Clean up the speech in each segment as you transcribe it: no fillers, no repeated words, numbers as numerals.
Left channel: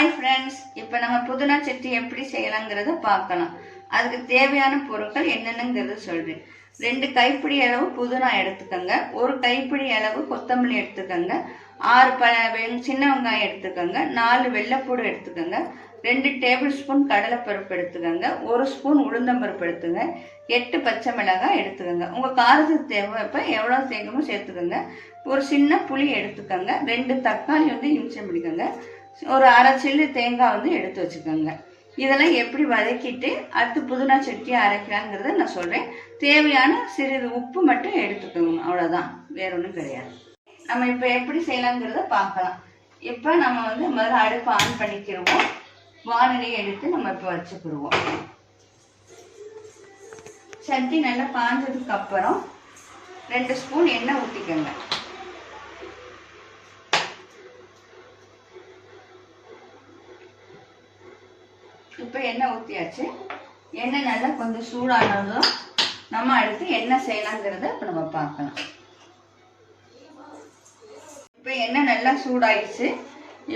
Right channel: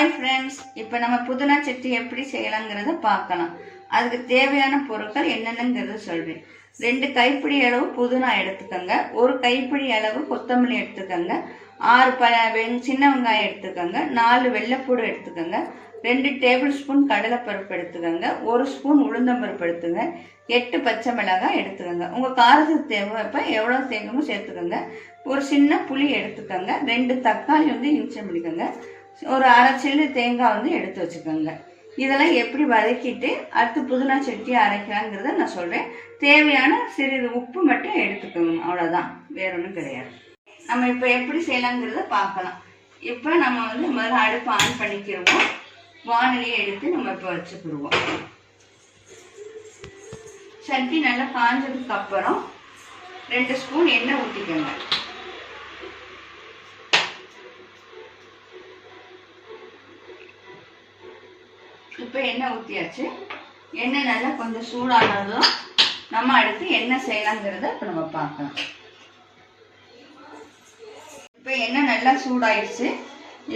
Hi friends, இப்போ நம்ம புதினா சட்னி எப்படி செய்யலாங்கிறத பார்க்கலாம். அதுக்கு தேவையான பொருட்கள் என்னென்னங்கிறத சொல்கிறேன். 2 கைப்பிடி அளவு புதினா எடுத்துக்கோங்க, 1 கைப்பிடி அளவு கொத்தமல்லி எடுத்துக்கோங்க, 6 சின்ன வெங்காயம் எடுத்துக்கோங்க, 4 வெள்ளைப்பூடு எடுத்துக்கோங்க, 2 டேபிள் ஸ்பூன் கடலைப்பருப்பு எடுத்துக்கோங்க, 1 ஸ்பூன் உளுந்தம்பருப்பு எடுத்துங்க, 8 பச்சை மிளகாய் எடுத்துக்கோங்க. உங்கள் காரத்துக்கு தேவைப்போ எவ்வளோ சேர்க்கணும் சேர்த்துக்கோங்க. ஒரு சின்ன புளி எடுத்துக்கோங்க, 2 தக்காளி இன்ச்சம் பண்ணிக்கோங்க, ஒரு அரை சில்லு தேங்காய் எடுத்து வச்சுக்கோங்க. இதெல்லாம் எப்படி வதக்கிட்டு அடுத்து புதினா சட்னி அரைக்கலாங்கிறத நான் சொல்கிறேன். தேவையான சிறிது உப்பு மட்டும் எடுத்துக்கோங்க, அவ்வளோதான், வேற ஒன்றும் கிடையாது. நம்ம இப்போ எப்படி செய்யலாங்கிறத பார்க்கலாம். இப்போ நம்ம முதல்ல அடுப்பை ஆன் பண்ணிக்கிடுவோம். வானிலையை எடுத்து நம்ம இப்போ வச்சுக்கிடுவோம். சட்னி நல்லா காஞ்சதுக்கு அப்புறம் 2 ஸ்பூன் எண்ணெய் ஊற்றிக்கோங்க. இப்போ எண்ணெய் ஊற்றியாச்சு. எண்ணெய் நல்லா கொஞ்சம் சூடானதும் நம்ம அடுத்து என்ன செய்யலாங்கிறத இப்போ நம்ம பார்க்கலாம். இப்போ எண்ணெய் நல்லா சூடாயிடுச்சு.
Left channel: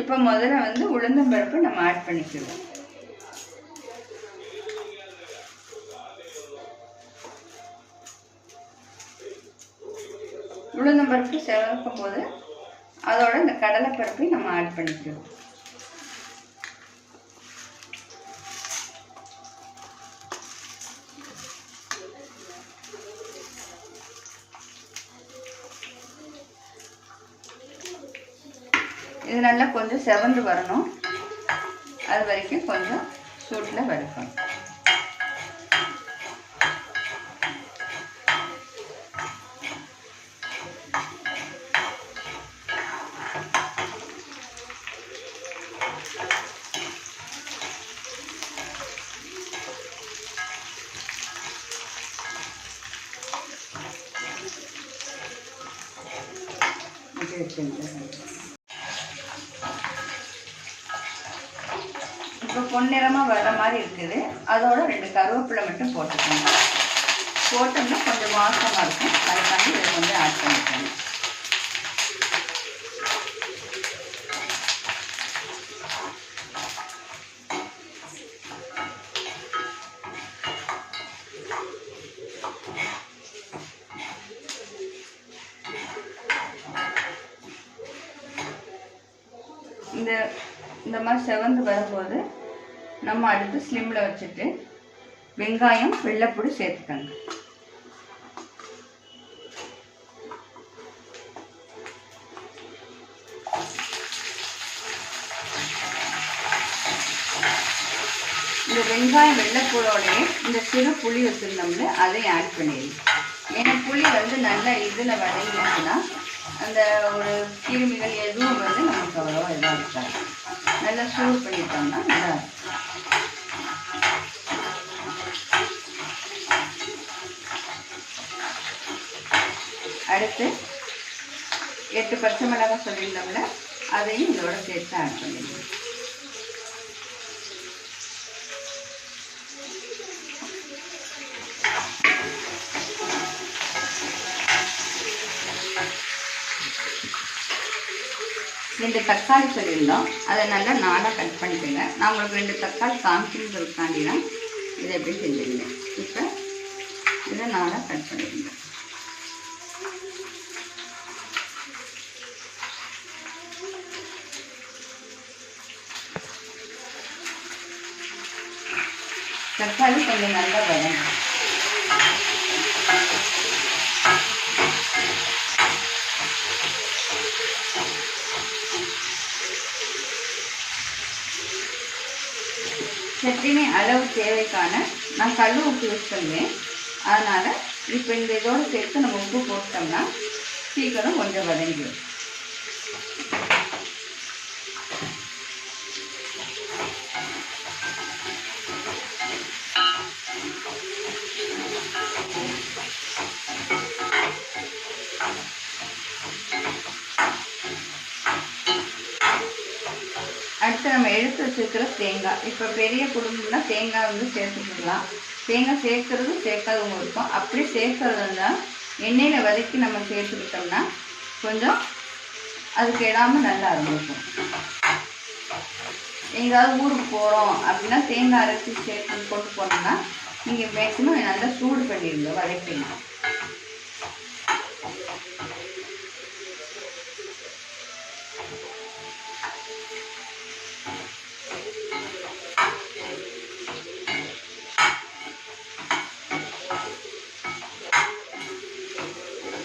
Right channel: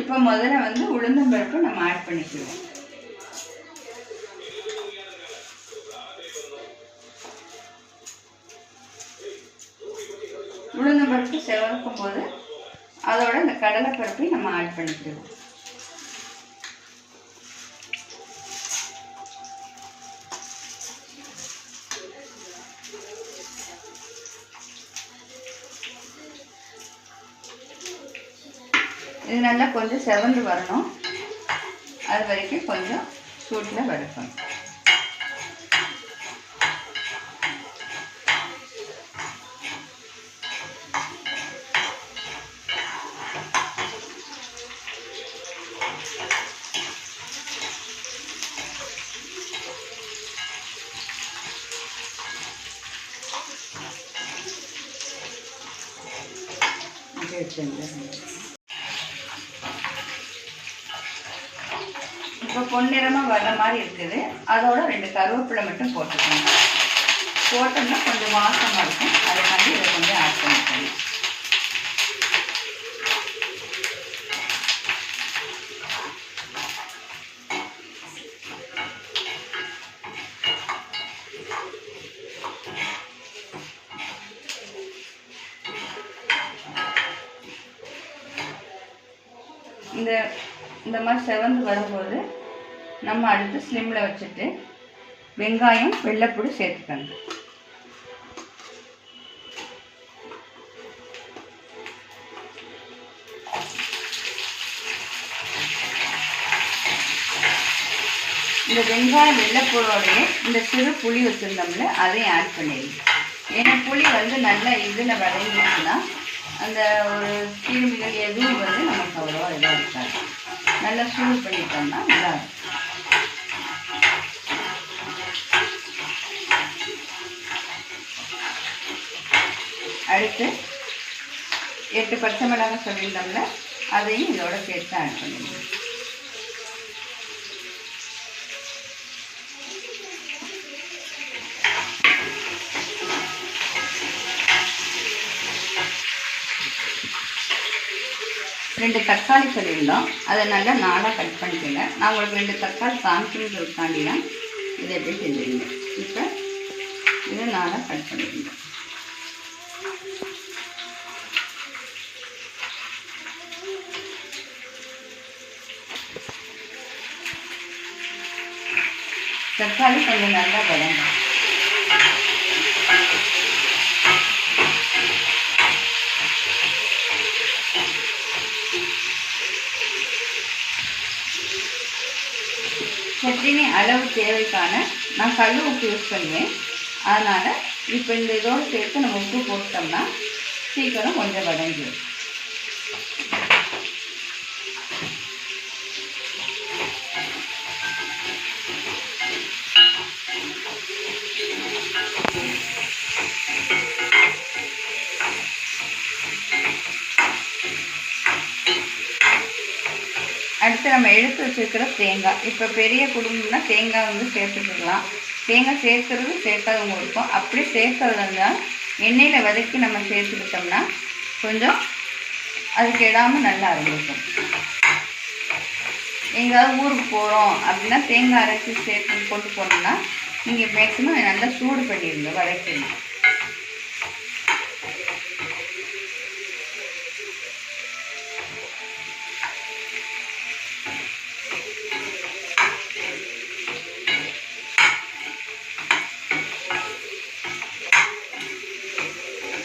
இப்போ முதல்ல உளுந்தம்பருப்பு நம்ம ஆட் பண்ணிக்குவோம். உளுந்தம்பருப்பு செவக்கும் போது அதோட இந்த கடலைப்பருப்பையும் நம்ம ஆட் பண்ணிக்குவோம். இது நல்லா கொஞ்சம் செவந்து வரணும், அது வரைக்கும் கொஞ்சம் சூட்டில் வதக்கணும். இப்போ பொன்னிறமாக வர்ற மாதிரி இருக்குது. அதோட 2 கருவேப்பிலை மட்டும் போட்டுக்கோங்க. போட்டோம்னா கொஞ்சம் வாசமாக இருக்கும். அதுக்காண்டி இதை கொஞ்சம் ஆட் பண்ணிக்கோங்க. இந்த மாதிரி செவந்து வரும்போது நம்ம அடுத்து ஸ்லிம்மில் வச்சுட்டு வெங்காயம் வெள்ளைப்பூடு சேர்த்துக்கணும். இந்த வெங்காயம் வெள்ளைப்பூடோடைய இந்த சிறு புளி வச்சுருந்தோம்ல அதையும் ஆட் பண்ணிடுங்க. ஏன்னா புளி நல்லா இதில் வதங்கிச்சுன்னா அந்த ஒரு கிருமிகள் எதுவும் நமக்கு அவ்வளோவா இதாக இருக்காது. நல்லா சூடு பண்ணிட்டோம்னா நல்லா இருக்கும். அடுத்து 8 பச்சை மிளகாய் சொல்லியிருந்தோம்ல அதையும் இதோட சேர்த்து ஆட் பண்ணிடுங்க. ரெண்டு தக்காளி சொல்லியிருந்தோம், அதை நல்லா நாளாக கட் பண்ணிக்கோங்க. நான் உங்களுக்கு 2 தக்காளி காமிக்கணுங்கிறதுக்காண்டி தான் இதை எப்படி செஞ்சுருங்க. இப்போ இதை நாளாக கட் பண்ணிக்கோங்க. தக்காளி கொஞ்சம் நல்லா வதங்க. சட்னி அளவு தேவைக்கான நான் கல் உப்பு யூஸ் பண்ணுவேன். அதனால் இப்போ இந்த இதோடு சேர்த்து நம்ம உப்பு போட்டோம்னா சீக்கிரம் கொஞ்சம் வதங்கிடும். அடுத்து நம்ம எடுத்து வச்சுருக்கிற தேங்காய். இப்போ பெரிய குடும்பம்னா தேங்காய் சேர்த்துக்கலாம். தேங்காய் சேர்க்கறது சேர்க்காதவங்க இருக்கும். அப்படியே சேர்க்கறதுனா எண்ணெயில் வதக்கி நம்ம சேர்த்துக்கிட்டோம்னா கொஞ்சம் அதுக்கு இடாமல் நல்லா இருக்கும். எங்கேயாவது ஊருக்கு போகிறோம் அப்படின்னா தேங்காய் அரைச்சி சேர்த்து கொண்டு போனோம்னா நீங்கள் மேக்ஸிமம் நல்லா சூடு பண்ணிடுங்க, வதக்கிடணும்.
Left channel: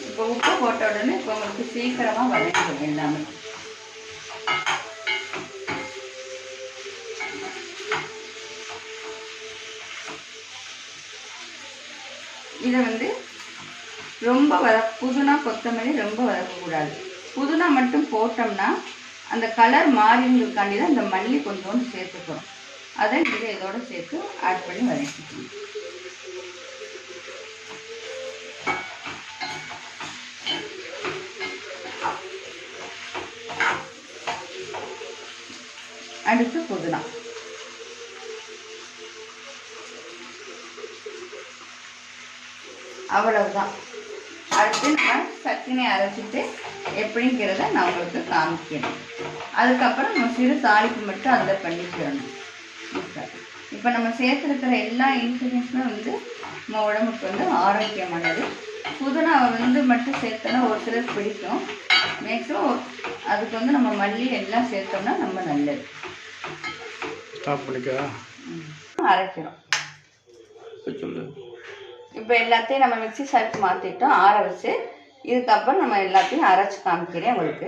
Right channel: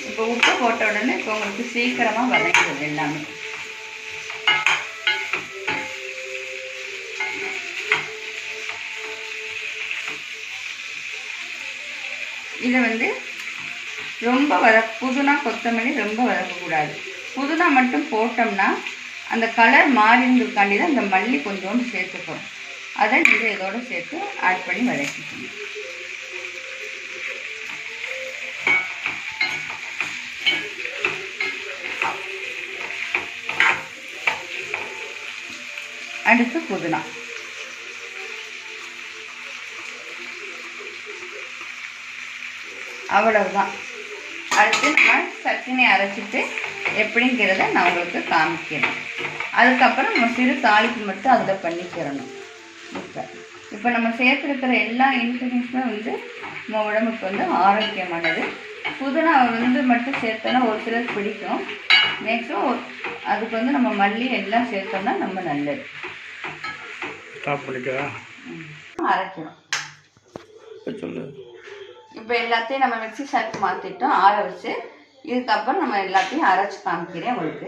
இப்போ உப்பு போட்ட உடனே இப்போ உங்களுக்கு சீக்கிரமாக வதங்கிடுது எல்லாமே. இதை ரொம்ப புதினா கொத்தமல்லி ரொம்ப வதக்கக்கூடாது. புதினா மட்டும் போட்டோம்னா அந்த கலர் மாறினதுக்காண்டி தான் அந்த மல்லி கொஞ்சோண்டு சேர்த்துக்கிறோம். அதை இதோடு சேர்த்து ஆட் பண்ணி வதக்கிக்கணும். அடுத்து புதினா, அவ்வளவுதான். அடுத்து நான் சட்னி அரைச்சிட்டு எப்படிங்கிறத நான் உங்களுக்கு காமிக்கிறேன். அதுக்கப்புறம் நம்ம சிறு தாளிப்பு மட்டும் அதில் பண்ணிக்கிறணும். இப்போ நம்ம சேர்த்துருக்கிற எல்லா இன்க்ரீடியன்ஸுமே நம்ம உடம்புக்கு ஆரோக்கியமானது. புதினா மட்டும் சேர்த்தோன்னா ஒரு சிலர் பிடிக்கும். மேக்ஸிமம் அதுக்கு நம்ம மல்லி எல்லாம் சேர்த்தோம்னா ரொம்ப நல்லது. அரைக்கிறோம். இப்போ எல்லாத்தையும் நம்ம மிக்ஸி சாருக்கு மாற்றிட்டோம், ஆற வச்சு. இதுக்கப்புறம் நம்ம எல்லாத்தையும் அரைச்சி காமிக்கிறேன் உங்களுக்கு.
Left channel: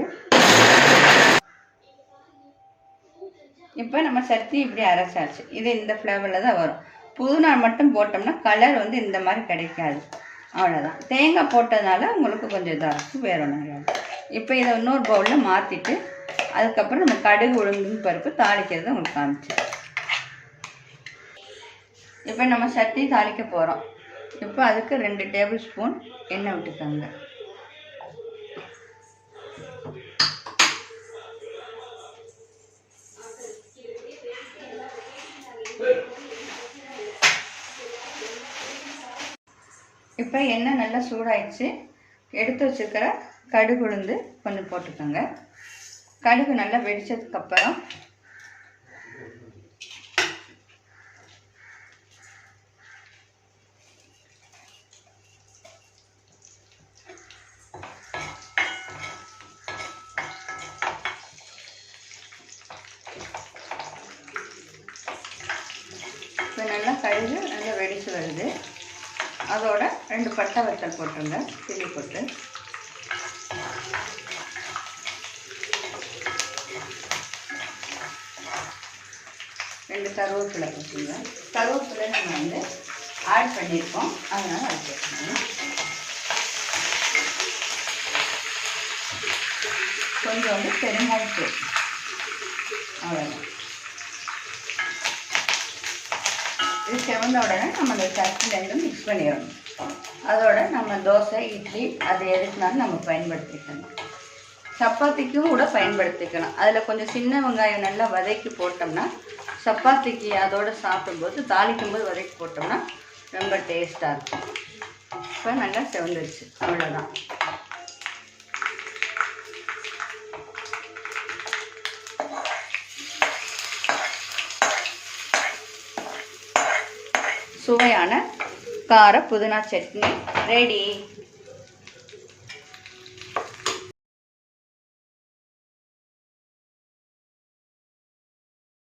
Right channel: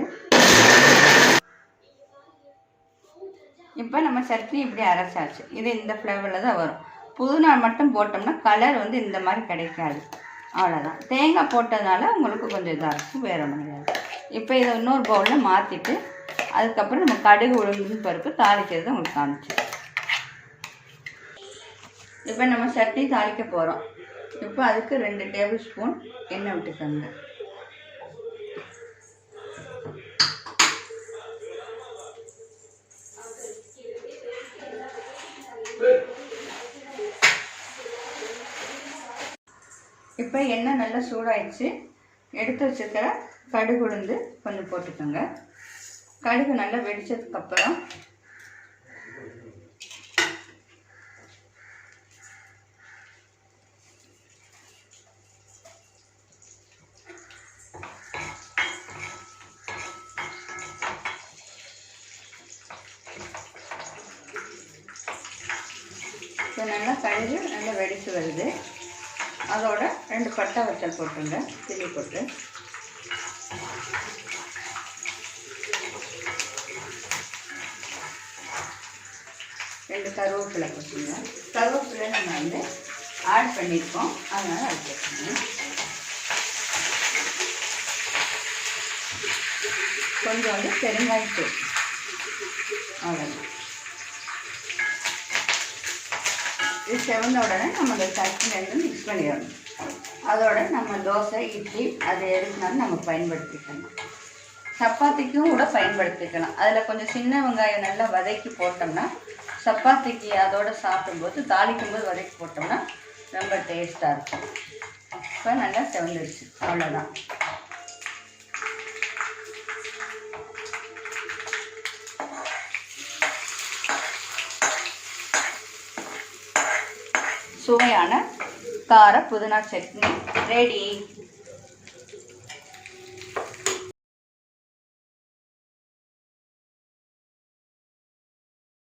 இப்போ நம்ம சட்னி இப்படி அரைச்சாச்சு. இது இந்த ஃப்ளேவரில் தான் வரும். புதினா மட்டும் போட்டோம்னா கலர் இந்த மாதிரி கிடைக்காது. அவ்வளோதான். தேங்காய் போட்டதுனால உங்களுக்கு கொஞ்சம் இதாக இருக்கும், வேறு மாதிரி. இப்போ இதை இன்னொரு பவுலில் மாற்றிட்டு அதுக்கப்புறம் நம்ம கடுகு உளுந்து பருப்பு தாளிக்கிறத உங்களுக்கு காமிச்சு. இப்போ நம்ம சட்னி தாளிக்க போகிறோம். இப்போ அதுக்கு 2 டேபிள் ஸ்பூன் எண்ணெய் விட்டுக்கோங்க. இப்போ எண்ணெய் நல்லா சூடாயிடுச்சு. எடுத்து வச்சுக்கிற கடுகு உளுந்து கொஞ்சம் போட்டுக்கோங்க. கடுகு நல்லா வெடிச்சதுக்கப்புறம் நல்லா கடுகு நல்லா வெடிச்சு வருது. அதோட 2 பட்டை வத்தல் போட்டுருங்க, கிள்ளி போட்டு. கருவேப்பிலை வச்சுங்க. கருவேப்பிலை நம்ம ஆட் பண்ணியிருக்கோம், அதனால் அது சேர்க்கணும். கொஞ்சம் பெருங்காயம் சேர்த்து, அவ்வளோதான். இது செவந்த உடனே நம்ம இந்த சட்னிலேருந்து மிக்ஸ் பண்ணிடணும். அதோட நம்ம தோசை, இட்லி அது எதுக்குனாலும் நம்ம பயன்படுத்திக்கணும். சப்பாத்திக்கும் கூட பயன்படுத்திக்கலாம். அதில் கொஞ்சம் சின்ன வெங்காயம் நல்லா வதக்கி போட்டோம்னா சப்பாத்திக்கு அதோடு சாப்பிடும்போது தாளிக்கும்போது வதக்கி போட்டோம்னா ரொம்ப டேஸ்ட்டாக இருக்கும். இப்போ நல்லா செவந்துருச்சு, அவ்வளோதான். சுவையான கார புதினா சட்னி ரெடி.